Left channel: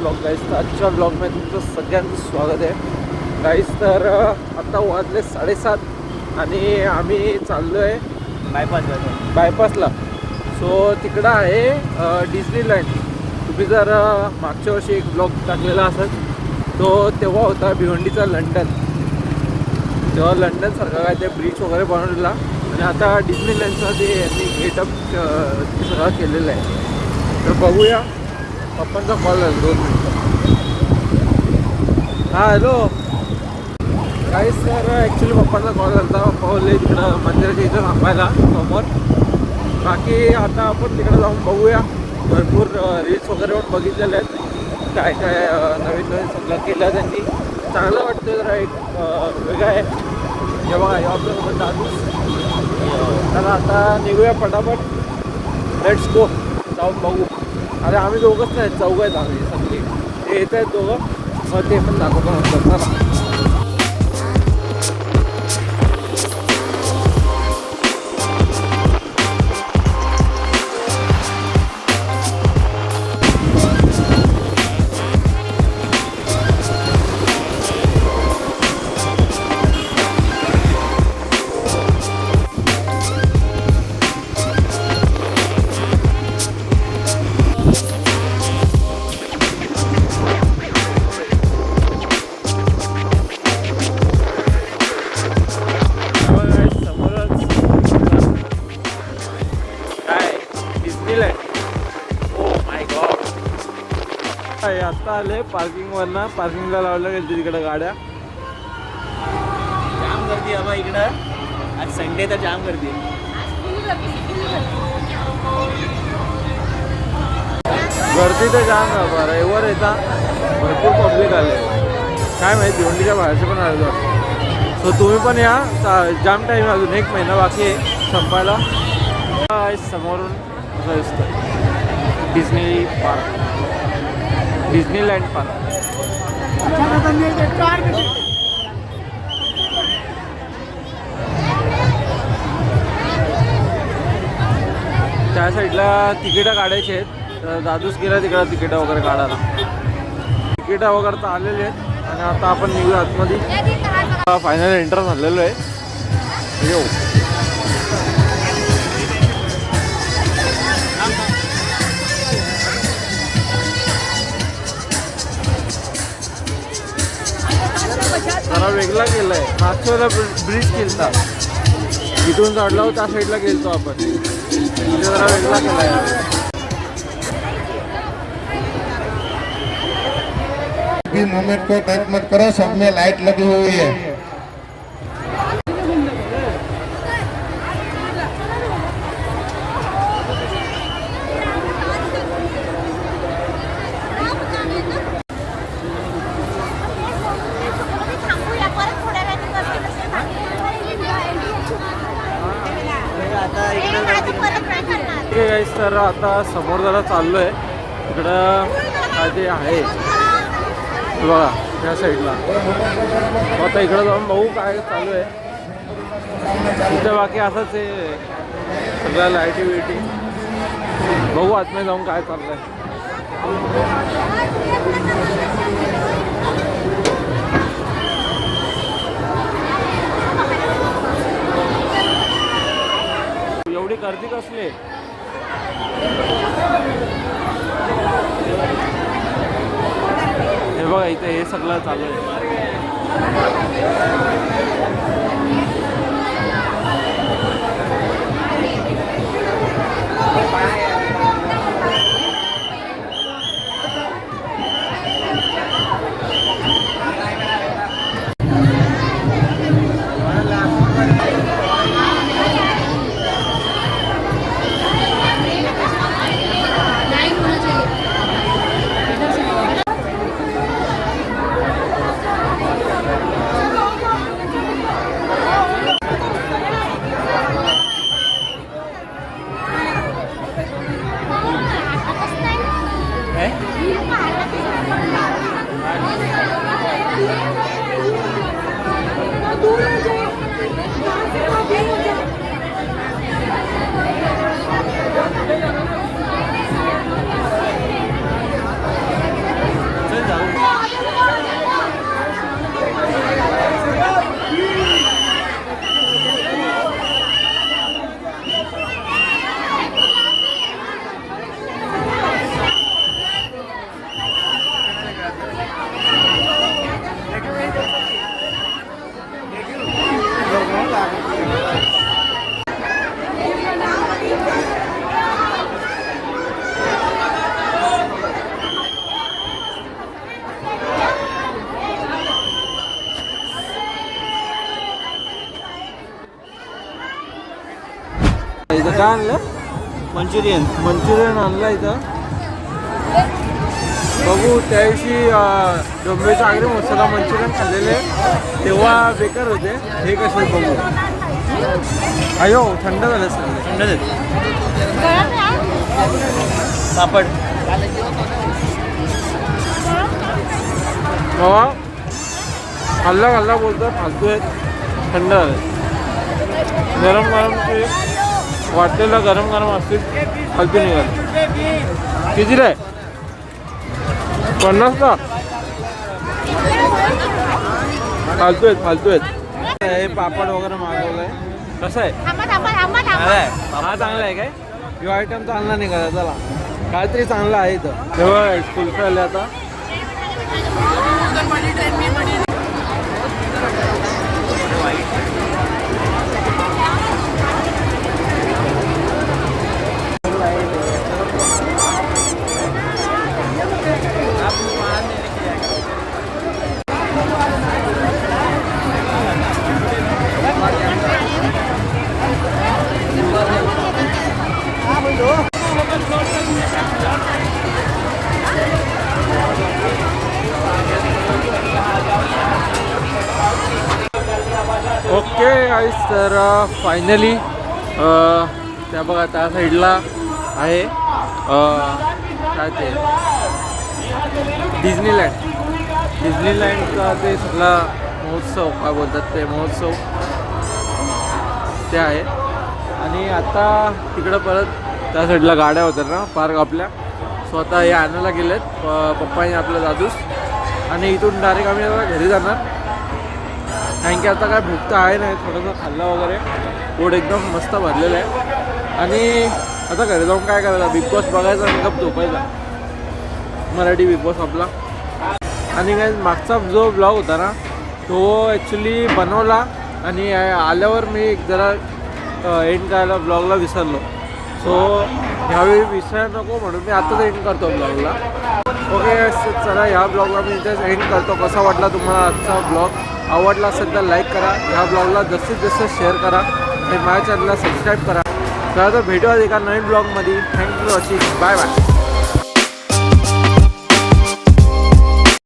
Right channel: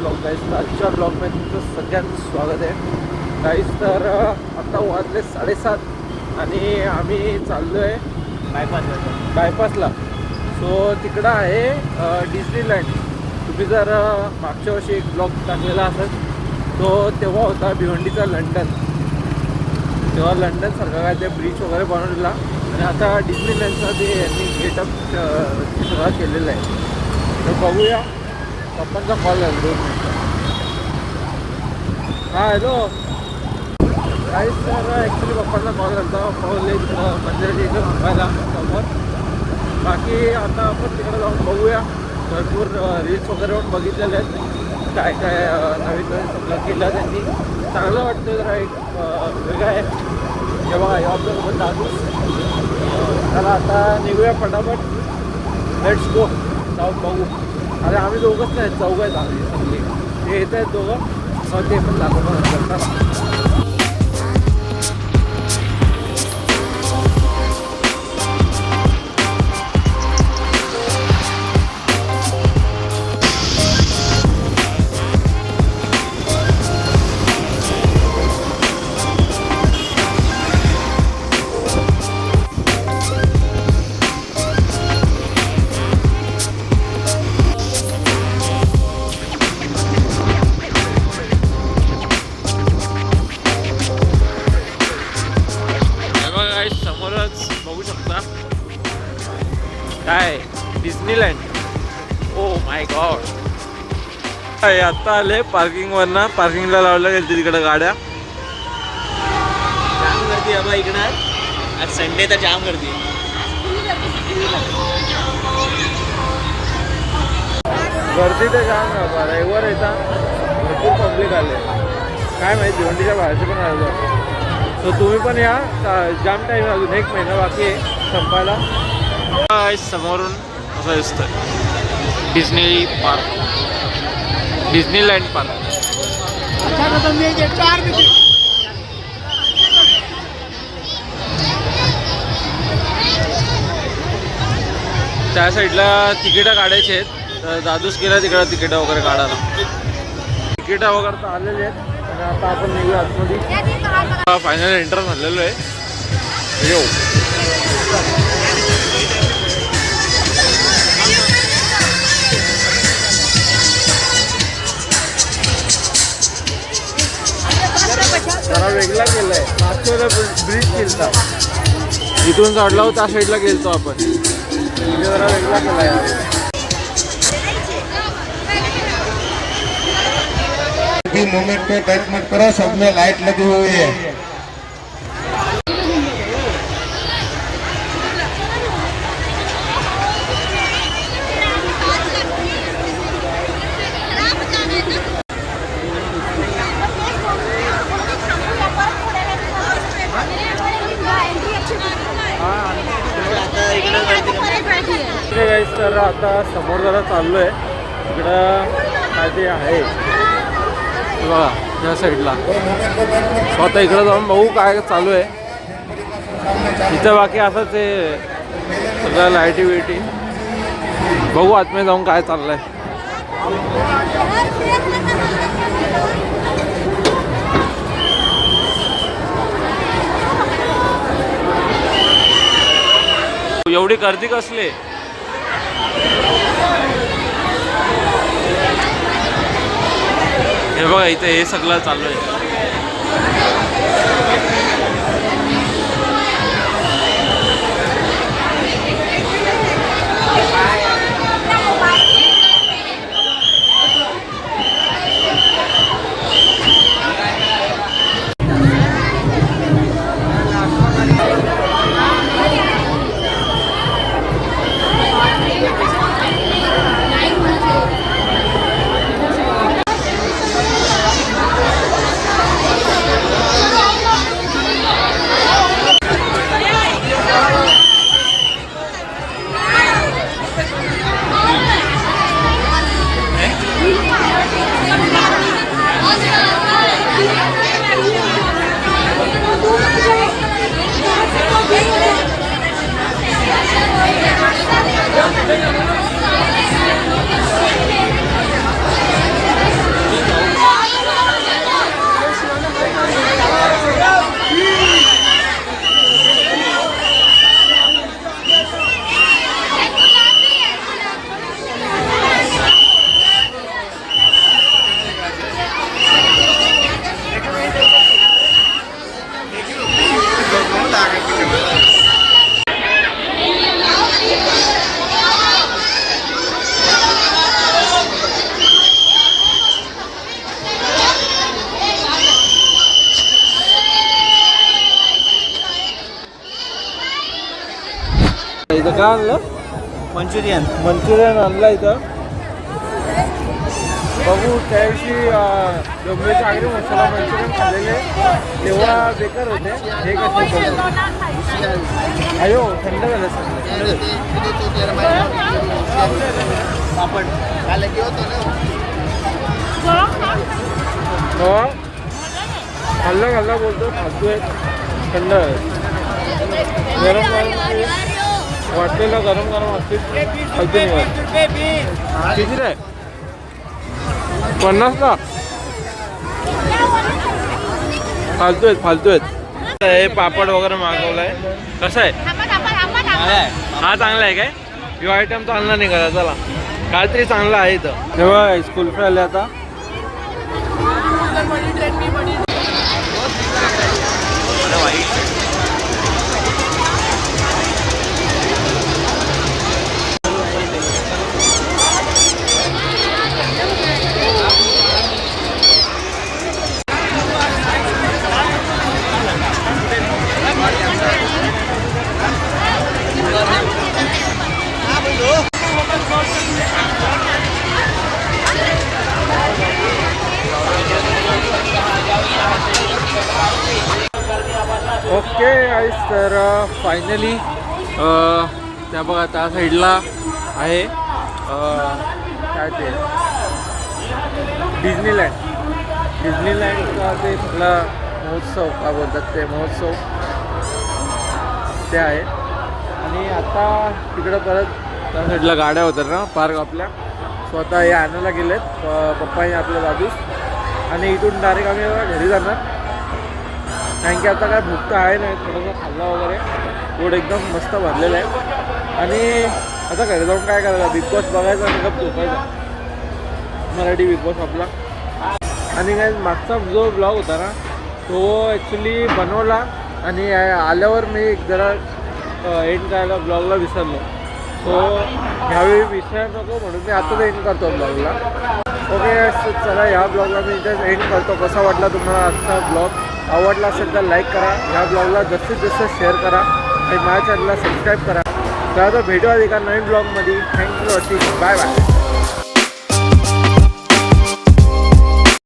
Blog गाईस. तर आजच्या ब्लॉगमध्ये तुमचं सगळ्यांचं स्वागत आहे गाईस. तर आता वाजले 7:30 आणि आम्ही चाललो आहे बायपासला. सो तिकडं आहे डिस्नीलँड. तुम्ही जर मागच्या वर्षी एक ब्लॉग टाकलेला असेल तो तेव्हा होता भिवंडीचा लंडन. तेव्हा लंडनसारखा काय ते ब्रिज वगैरे बनवलेला आणि आता डिस्नीलँडचा ते यांनी गेटअप सगळं केलेलं आहे. तर बघूया. पप्पांचा कॉल आला 2 मिनटं. हां हॅलो काहीच. तर ॲक्च्युली पप्पांचा कॉल आला होता. पावले तिकडं मंदिराच्या इथं थांबायला समोर. बाकी आता आपण तिकडे जाऊन बघूया. भरपूर रील्स वगैरे पण बघितलेले आहेत. काय काय नवीन नवीन सगळं केलं आहे त्यांनी. चांगलं वाटतं. जरा एक वेगळं आहे. जेव्हा आपल्यासोबत दादूस. तर आता निघूया पटापट. Let's go. जाऊन बघू. अरे आम्ही दोघंच नाही, 4 आहेत आम्ही सगळे. ते येत आहेत दोघं. ते पण दाखवतो चला. काय डिस्नीलँड. Oh my God. आता आले पार्किंगवरनं. पार्किंगला लावलं गेलं तिकडे गाड्या. जाम गर्दी आहे बा इकडं. आज संडे तर जाम गर्दी. गर्दी तर जाम बाबा. रविवार येतात भरपूर पब्लिक आले. काय माहिती भिवंडीच्या बाहेरचे पण आले. सो तुम्ही पण या. जाम टाईम अजून 1 महिना बाकी आहे संपायला. समोरून असं दिसतं डिस्नी पार्क. डिस्नीलँड पार्क. त्या साईडला तिकीटं काढायची आहेत. तर दादूस गेला तिकडं तिकीटं वगैरे काढायला. तिकीटं वगैरे तर आलेली आहेत आणि आता आपण निघूया आतमध्ये. फायनल एंटर झालेलो आहे. येऊ. जरा वेगळा गेलाय. मागच्या वेळेला ब्रिज केलता. इथून चढला होता त्या साईडला गेलतो आपण. म्हणजे जरा वेगळा केला यावेळी. मोमेंट को टच मत करो. सब में लाइट लगी हुई है. तर आता समोर जरा चाललो आहे. तिकडं काय ते आहे बघा या साईडला. आता इकडं जाऊन बघू काय चालू आहे. इथं बाकी असंच आहे सगळं लाईटी बिटी. बघू आतमध्ये जाऊन काय चाललंय. एवढी गर्दी कसली. हे बघा इथे हे सगळं चालू आहे. इथं काय आणलं? मंचुरियन. मंचुरियन आणलं इथं. बघू त्या दिवशी डोंबिवलीच्या आगरी मसाला मंचुरियन खाल्लेले तेव्हा बेकार होते. हे कसं बघू. अयो थंड झालं सगळं. पापड. खाल्ला बोलतो फालतू आहे. थंड आहे. गरम वाटलेलं गरम असतील फालतू निघाल. किती रे? 50ला फालतू आहेत. हे पापड वगैरे मागवलाय. कसं आहे? हा चांगला आहे काय? यो आयटम चांगला निघाला. चला काहीतरी चांगलं आहे इथं. तेव्हा स्कूल आले आता. ओके गाईस, तर फायनली त्या बघा त्या साईडला आहे काय ते डिझनीलँडचा ते सगळा महोत्सव काय बोलतात ते महोत्सव ते आहे. आणि आता तिकडं परत त्या साईडला गाड्या होत्या ना पार्क आपल्या. स्वतः हे आणायला गेलेत पप्पाने आपल्या दादूस. आणि इथून डायरेक्ट आम्ही आता घरी जाणार. कारण की आता काय भूक तर आहे नाही. थोडंसं खाल्लं वगैरे पोट एकदम मस्त भरलेलं आहे. आणि आता घरी जाऊन काय करायचं, बिग बॉस बघायचा आणि गप झोपायचा. मराठी बिग बॉस आपला. आणि काय मागचा जो ब्लॉग होता ना तो ॲक्च्युली बनवला आणि आल्यावर मी एक जरा एंड करायला ब्लॉगला विसरलो. सो ह्यावेळी विसरायला नको म्हणून मी आताच एंड करतो ब्लॉगला. ओके चला ह्या ब्लॉगला मी इथेच एंड करतो. कसा वाटला तुम्हाला आजचा ब्लॉग? आवडला असेल तर लाईक करा. ह्या ब्लॉगला जास्तीत जास्त शेअर करा आणि माझ्या चॅनलला सबस्क्राईब करा. तर आता भेटूया एका नवीन ब्लॉगमध्ये. Thank you for watching. Bye bye.